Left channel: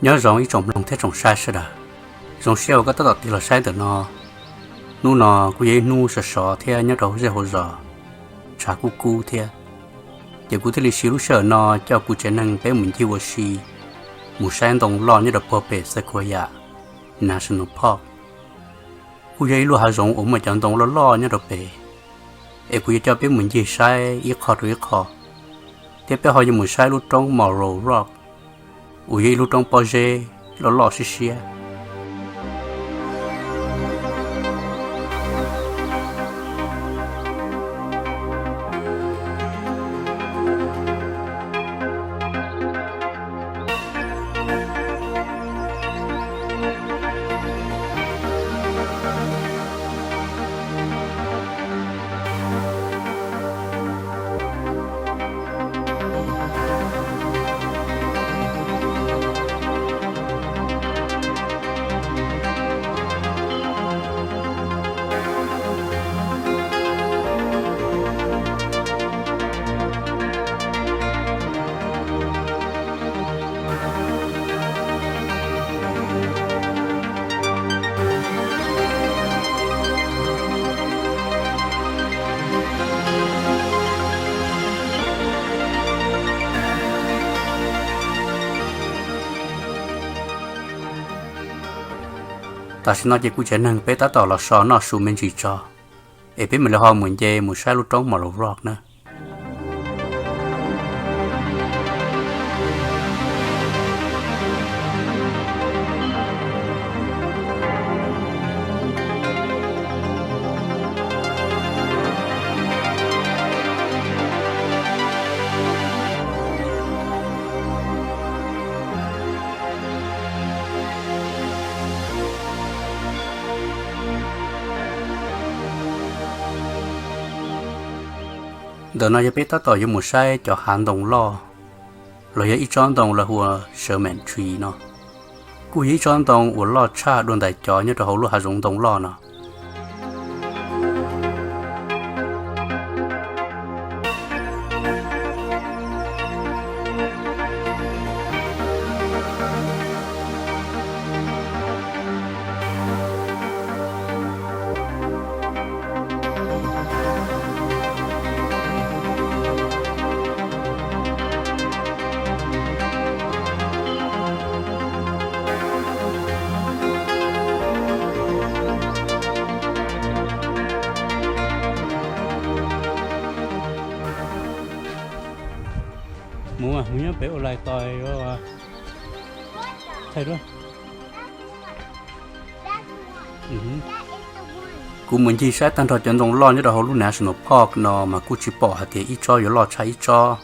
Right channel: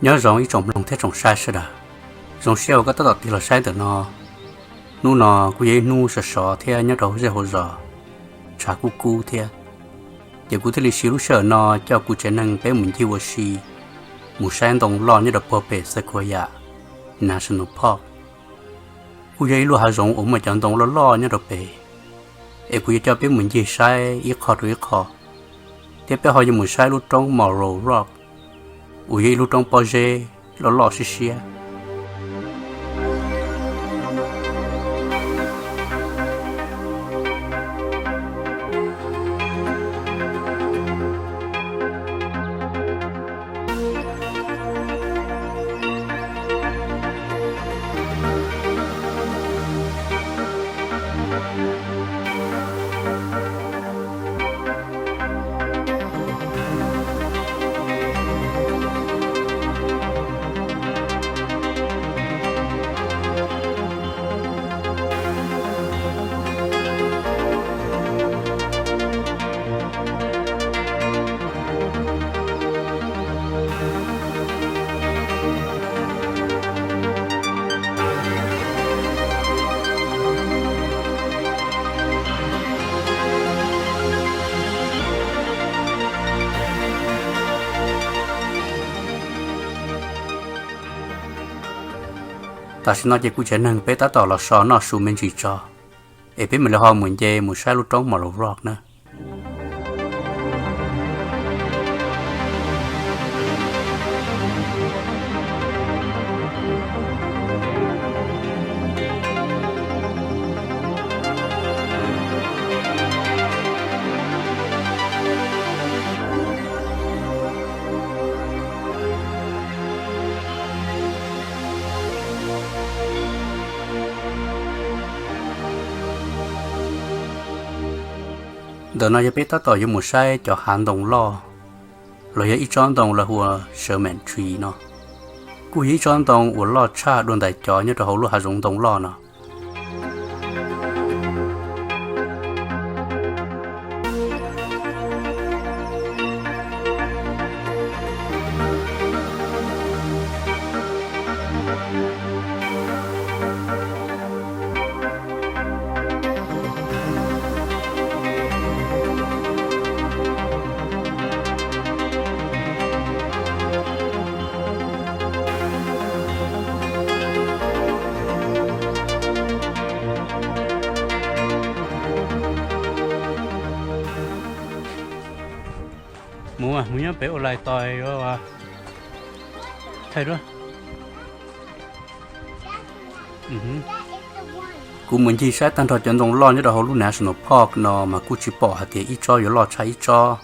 nhớ rằng ý trồng lòng thế trồng sai sẽ đã trồng xeo có tất cả thì là sai từ nó nó cũng vậy nu sợ sợ thế nhớ đầu dễ hồ giờ trả cu thế giờ cụ thể là xíu sợ nó cho cụ trẻ năng bé mình chiêu xì một sáng đồng lo như là bò bể Sequoia National Park cụ vậy luôn hà rộng ổn mà chọn đồng lo như là bể em cụ cho bé mình chia sai ít khó tiếp theo họ như một sai lúc trong Morro Rock cụ vậy lúc trong Poje lo xí xí ta xin nói cho cụ trẻ năng bé ta tỏ là sò nó sù mình chỉ cho em biết mình là họ muốn chơi một sai lúc trong Morro Rock nữa đợt này bé ta tỏ với một sai cho hành động lo rồi ít chọn đồng là hùa sợ mệnh truy nó cú ít chọn đồng của lo cha đồn đại cho như là hậu lu hà dùng đồng lo nó mua nhớ bé ở lại tỏi rồi thấy đó cú mình chỉ sẽ tăng thời gian đồng lo như là hậu National Park nó mà cú chỉ bỏ hạt ít cho rồi lo trái ít cho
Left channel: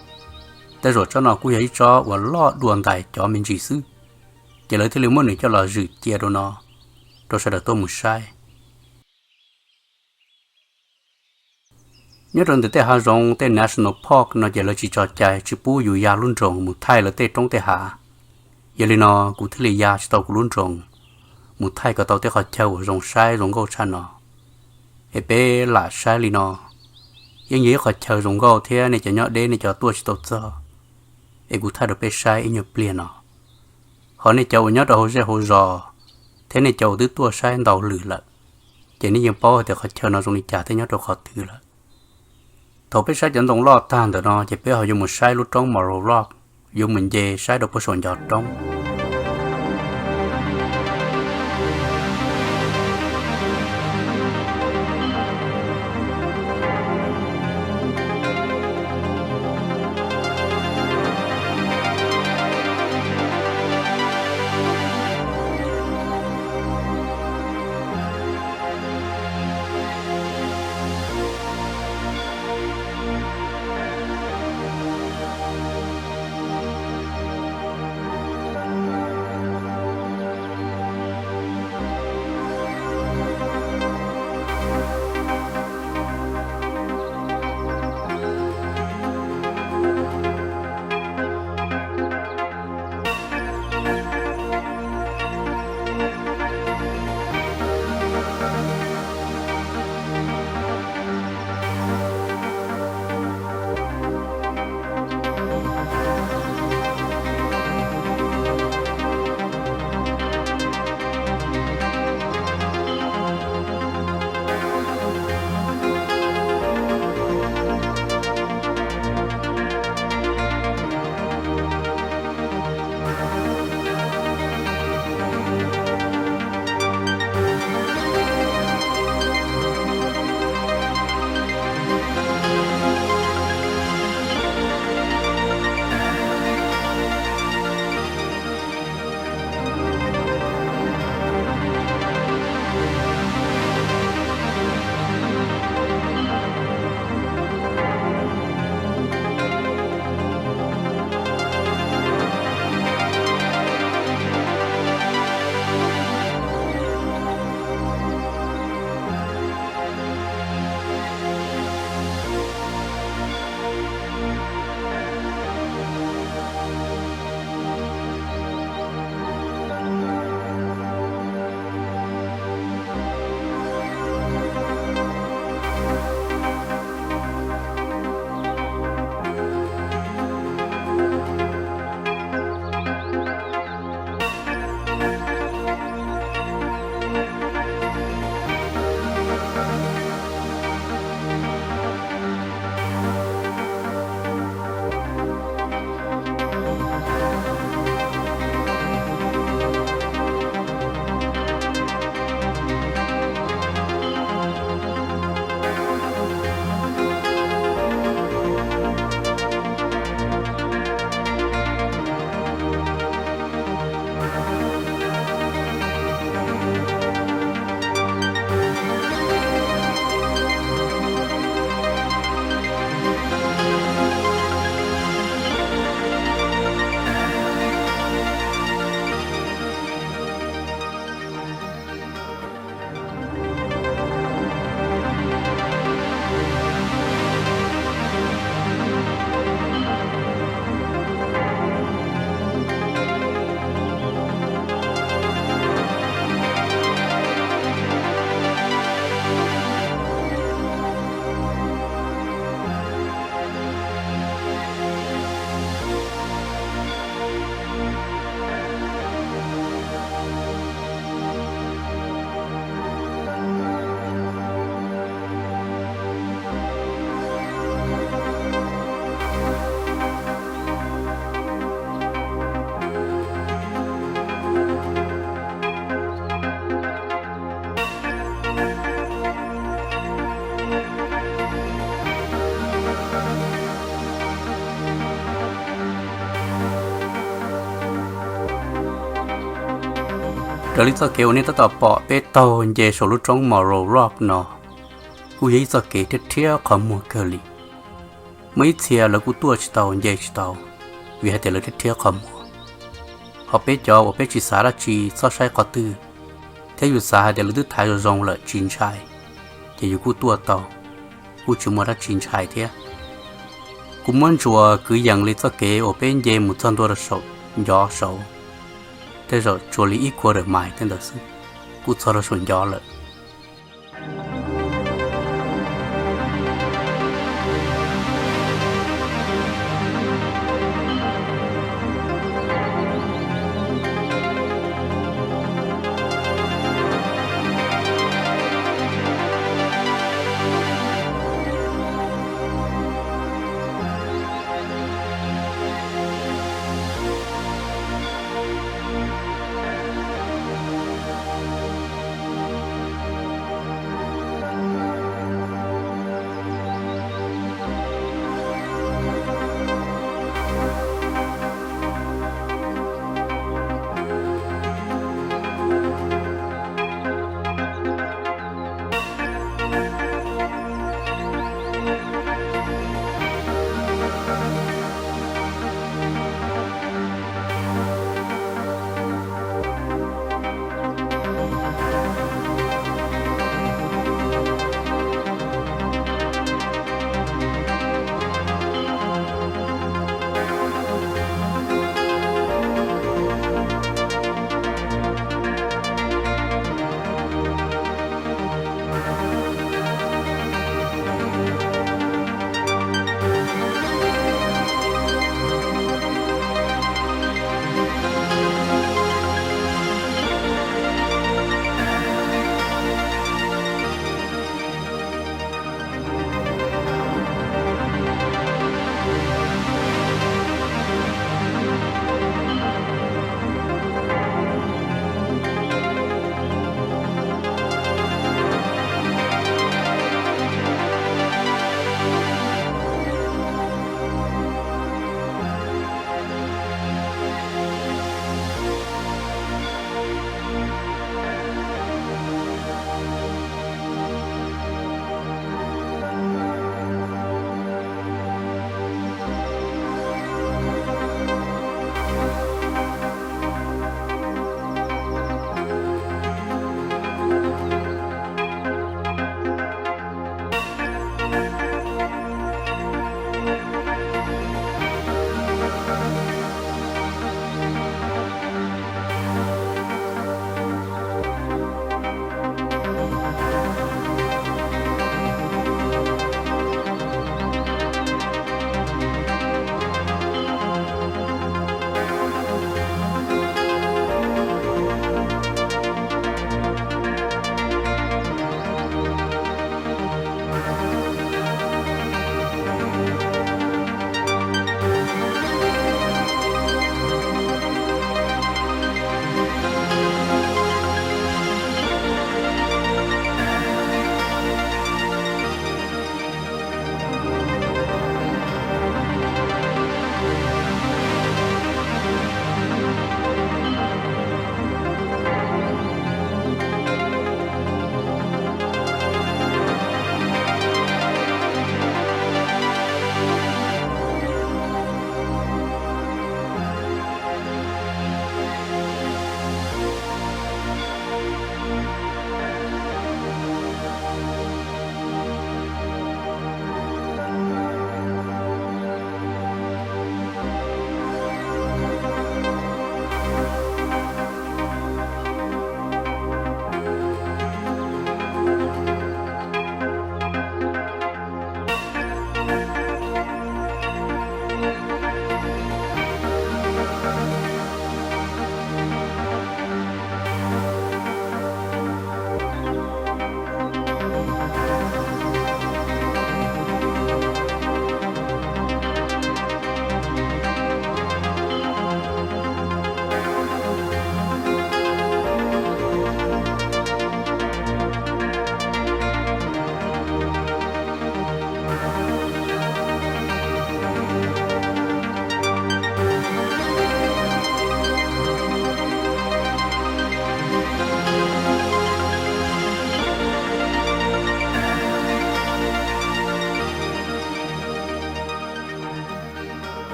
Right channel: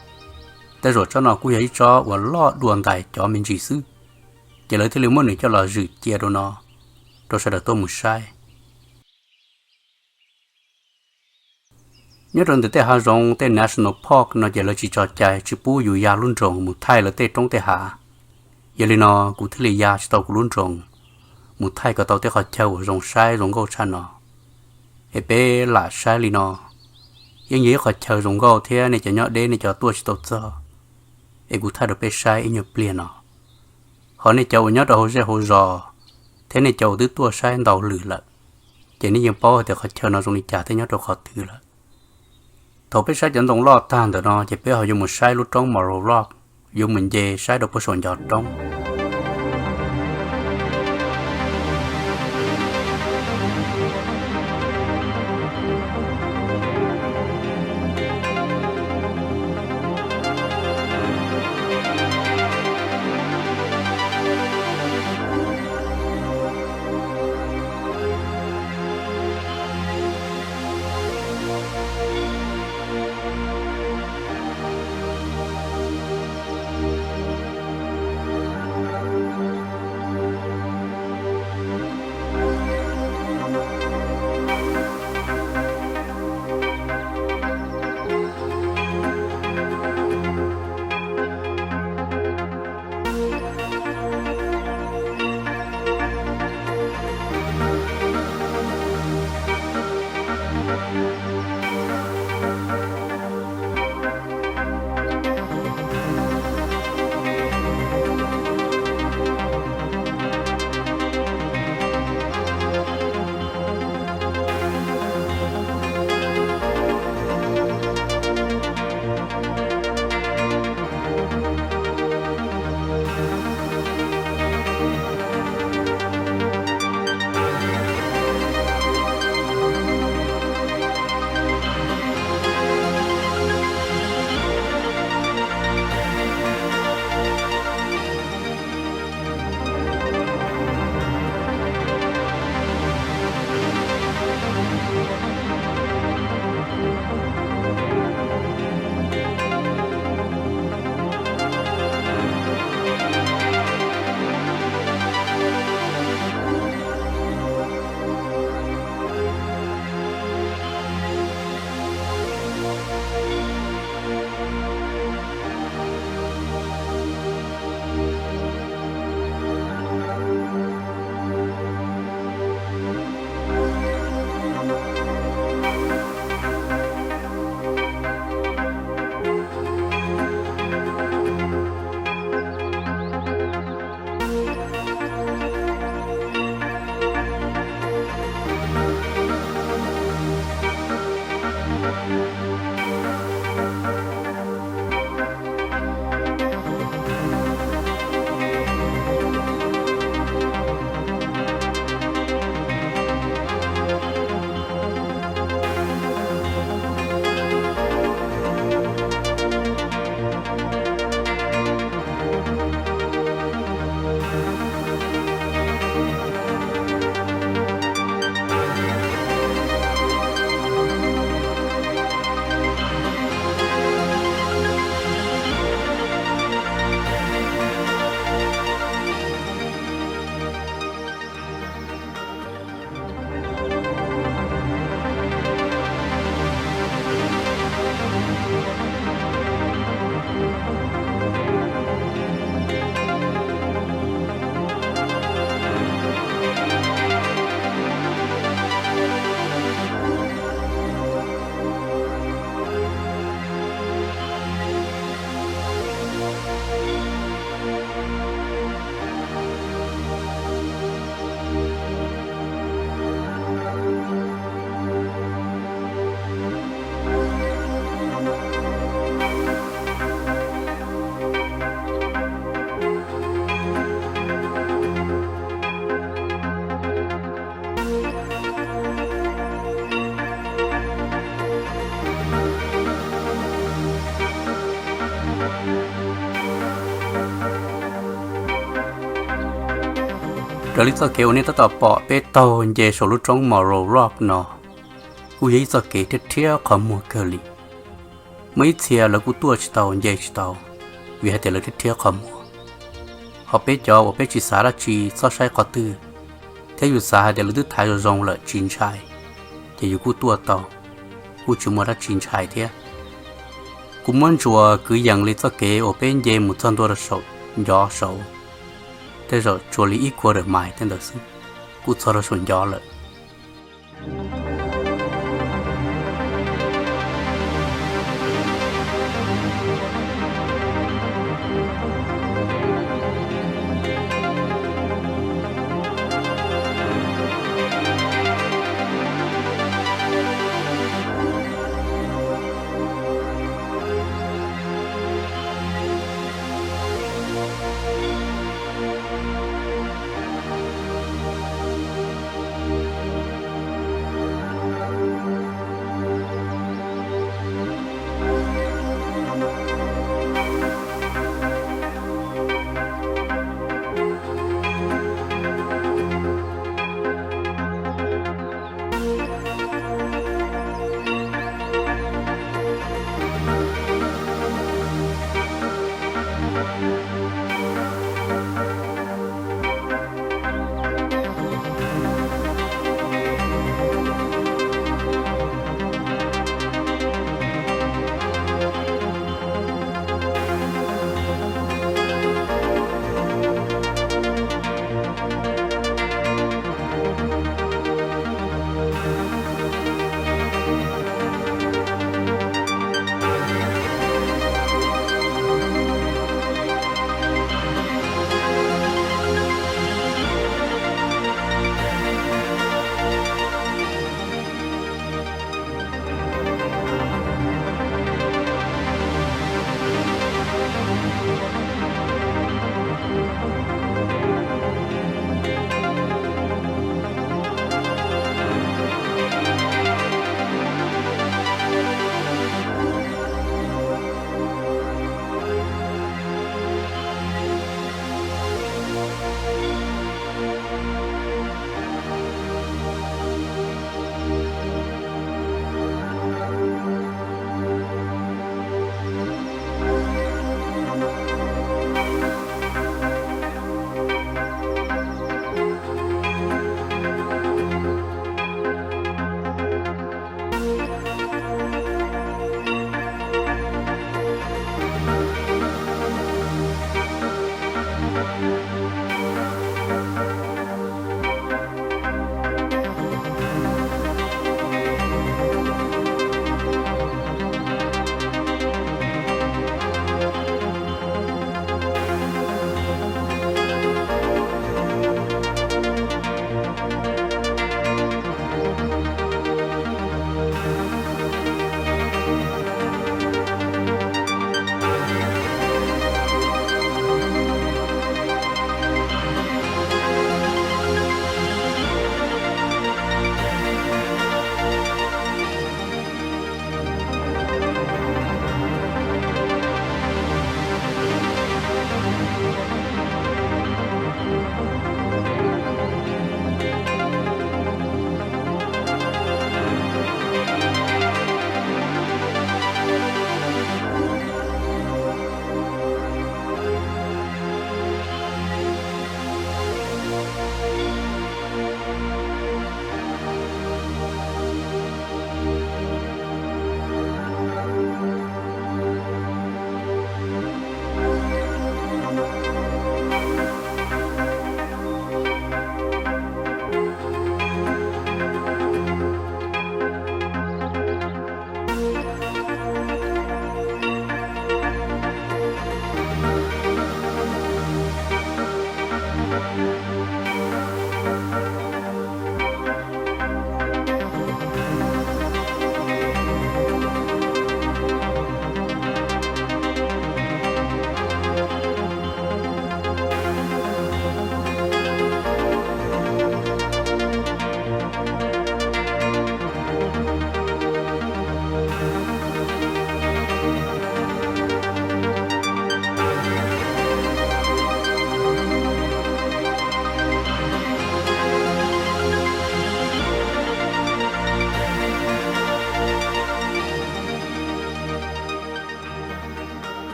แต่rồi cho nó cú ít cho và lo đuổi đại cho mình chỉ xứ chỉ lấy thì liệu muốn cho là dự chia đồ nó rồi sẽ được tôi một sai nhớ rằng từ hà rong từ National Park nó chỉ là chỉ cho chạy chỉ bùอยู่ยาลุ่นรองmột thay là từ trong từ hà giờ li nó cụ thể làยาchỉ tàu cụลุ่นรองmột thay có tàu từ họ chơi rong sai rong gấu chăn nó ép bé là sai li nó nhưng nhớ họ chơi rong gấu thế này chỉ nhớ đây này cho tôi chỉ tàu cho ép cụ thay được bé sai nhớ plea nó họ này chơi nhớ đầu sẽ hồ giò thế này chơi từ tôi sai đầu lử lại chỉ này những bao thì họ chơi nó rong đi trả thế nhớ đầu họ từ lại thầu biết sai dẫn động lo tan được nó chỉ biết họ dùng một sai lúc trong Morro Rock dùng mình về sai được có sồn giọt trong rồi lý do kéo nên tao bỏ bé tàu về số lúc trong mỏ rô rock nó cú ấy do kế thiết thiết khó mua cơ li mấy chia là cú tua chỉ tàu về chỉ tàu vì hai tiền là thiết thiết khó mua họ bé cho bé chỉ xả là chỉ so sai có tư thế dù xả hai tiền là thứ thái rồi rong là chín trái thì dù cú tua tàu cú chỉ mua ra chín trái thế cú muốn chùa cứ dặn lý do kế ở bên về một trăm đô la sầu gió sầu thế rồi chùa lý ít qua được mãi tên đó sư cú cho nó xuân gió lại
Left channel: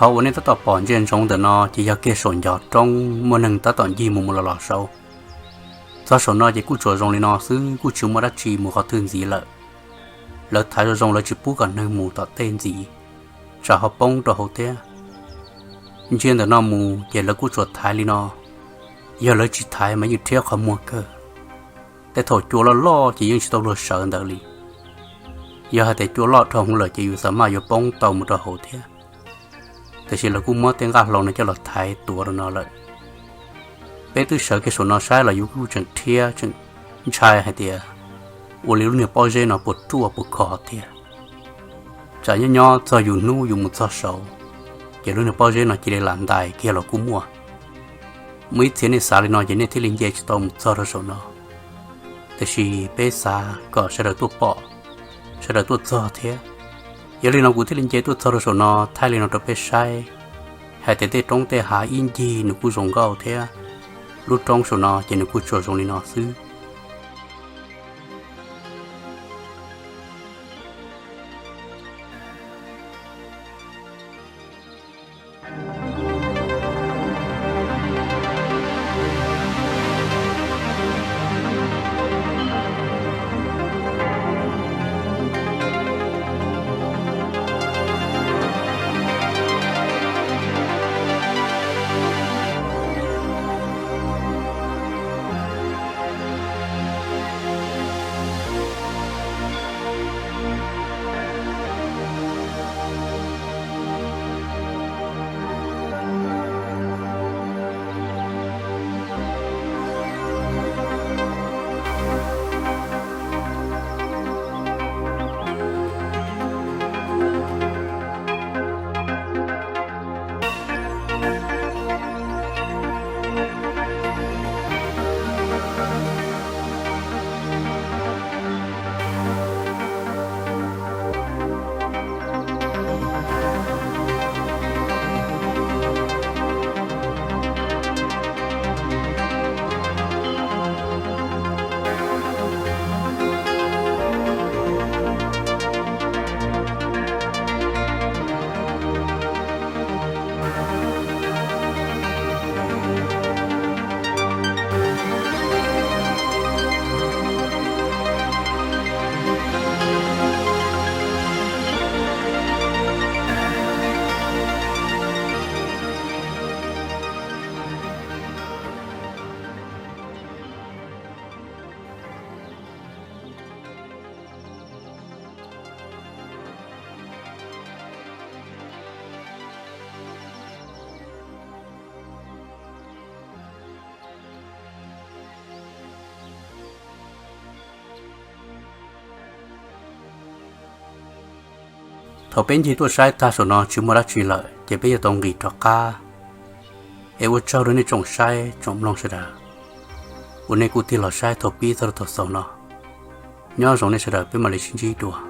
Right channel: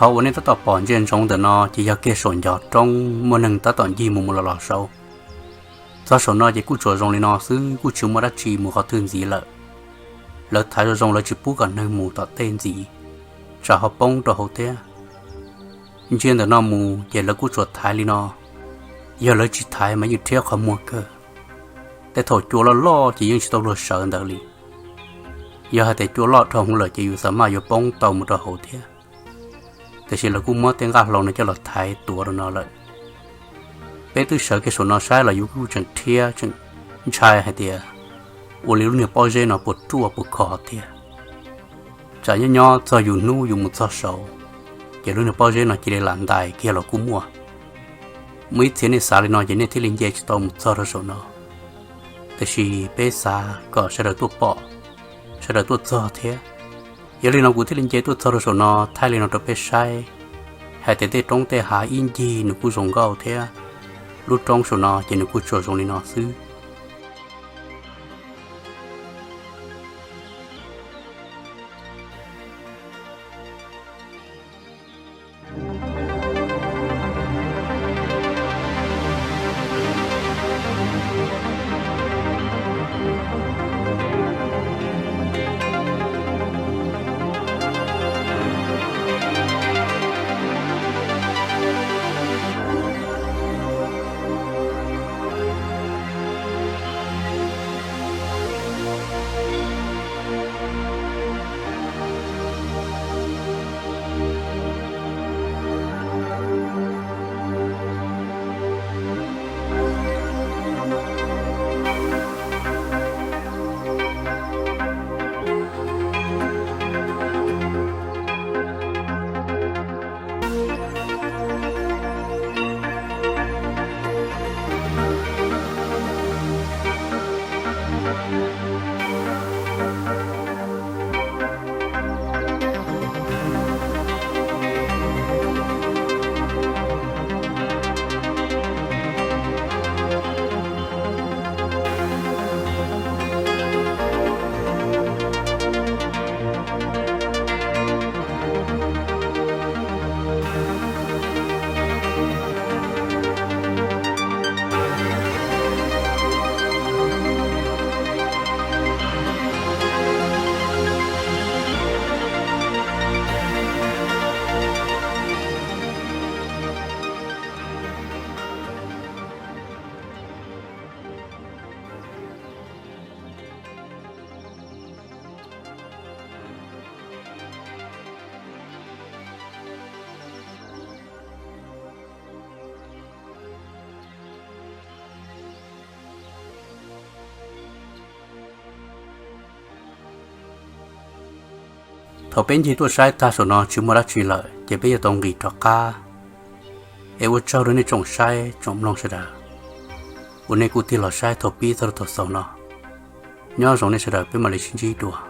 khóวันนี้ta tỏ bỏ trên trong từ nó chỉ do kia sồn giọt trong một nâng ta tỏ gì một lò sâu do sồn nó chỉ cú chuột rong lên nó xứ cú chịu mà đã chỉ một khó thương gì lỡ thái rồi rong lỡ chỉ bút còn nâng mù tỏ tên gì trả họ bông cho hậu thế trên từ nó mù giờ lỡ cú chuột thái lên nó giờ lỡ chỉ thái mà như theo khó mua cơ để thổi chua lo chỉ những tàu lo sợ đỡ li giờ hai chua lo trong lỡ chỉ sợ mà giờ bông tàu một trò hậu thếแต่สิเรากูมอเต็งกาลงในจะหลอดไทยตัวเราเลยเป็นตัวเสือที่ส่วนน้อใช้เราอยู่กูจังเทียจังชายให้เดียวันนี้เนี่ยป้อเจนปวดตัวปวดคอเดียใจย่อจะอยู่นู่อยู่มุดซอโซ่เกี่ยวเนี่ยป้อเจนจีได้หลานได้เกี่ยวเรากูมัวมื้อเทียนในสาลีนอจะเนี่ยที่ลิงเจจะต้องมุดซอเราโซ่นอแต่สิเป็นสาก็ใช้เราตัวปอใช้เราตัวซอเทียgiờ lên nó cũng thấy lên chế tôi thở rồi nó thay lên nó tập sai hay thế trong thế hạ in gì nó cũng dùng gạo thế lúc trong số nó chỉ nó cũng cho dùng lên nó xứ thầu bên chỉ tôi sai ta số nó chưa mua đã truy lợi chỉ bây giờ tông nghỉ trọ ca em vừa trao đến trồng sai trồng long sẽ đàวันนี้กูที่เราใช้ทบปีทอดทอดสองเนาะย้อนสองในเสด็จเป็นมาเลเซียจีตัว